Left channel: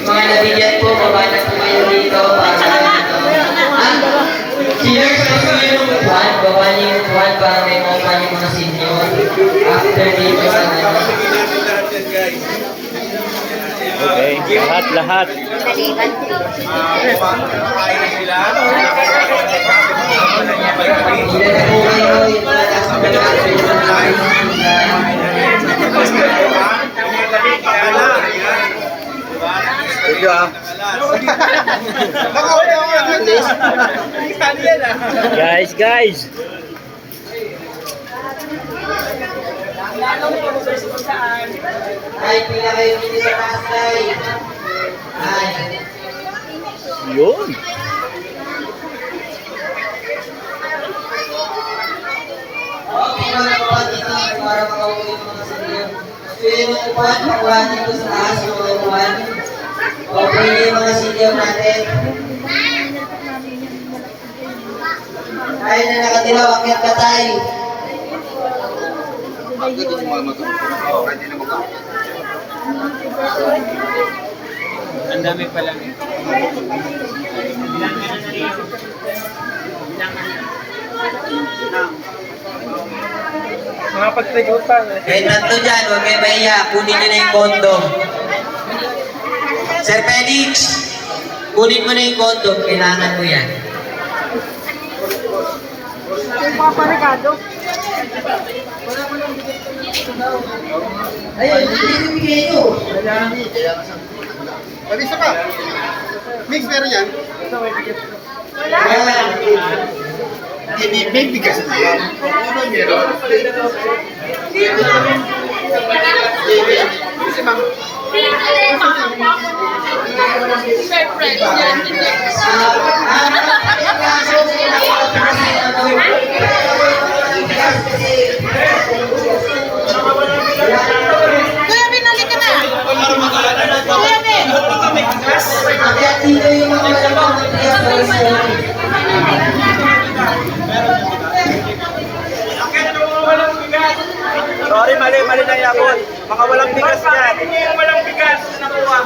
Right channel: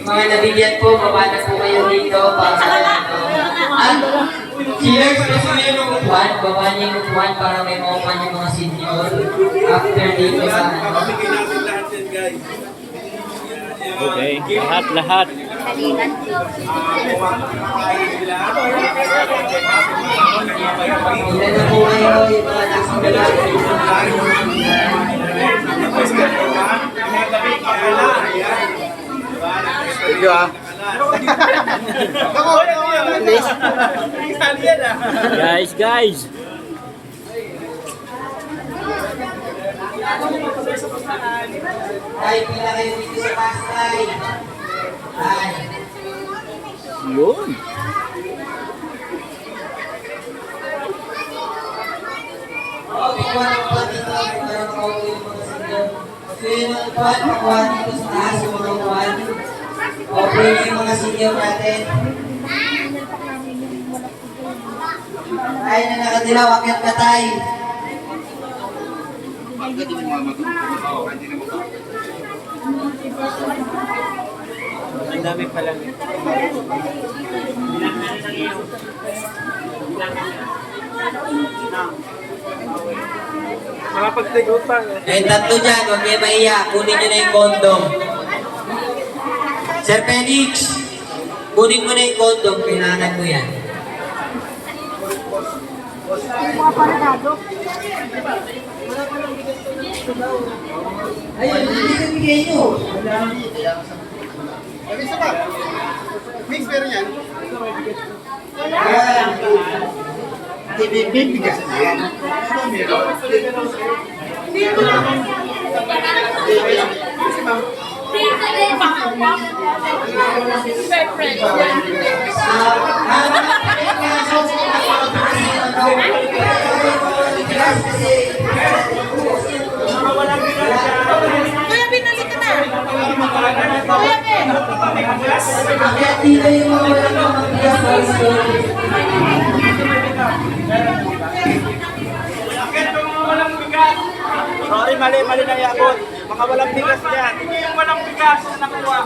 Mga nabigyan po, babana po kayo dito para senior, gusto nyo yung upuan, baba niyo yung upuan para may maupan yung mga senior after dito sa Okay, lahat. ilan na po kayo, yung mga nasa Thank you, ah. Guys. ay, pila kayo dito sa taas, ay. Ay. Yun. Okay, mga upuan dito para makauwi yung mga senior. So yung mga upuan, upuan dito sa taas yung mga upuan. Okay yung mga senior natin. Tayo na nakadilaw, akyat ka tayo. Ang dami pala. Mga pagtigutan. Kahit tatlo dyan, huwag kayo mahiya. Kunin nyo na yung kondom. Sir Felix, kunin mo na yung kondom. Kailangan mo yan. Yung mga parigado. Ayun, hindi ko bigay nyo. Wala isa pa. Mix meron yan. Yan. May bigas na yan. Ano meron? Si ma'am. Kuya Ben, nalik ka na. Kuya Ben. Kaya dito yung mga Sorry, mali na yapon. Mga walang bigas dyan. Walang bigas na nakuha.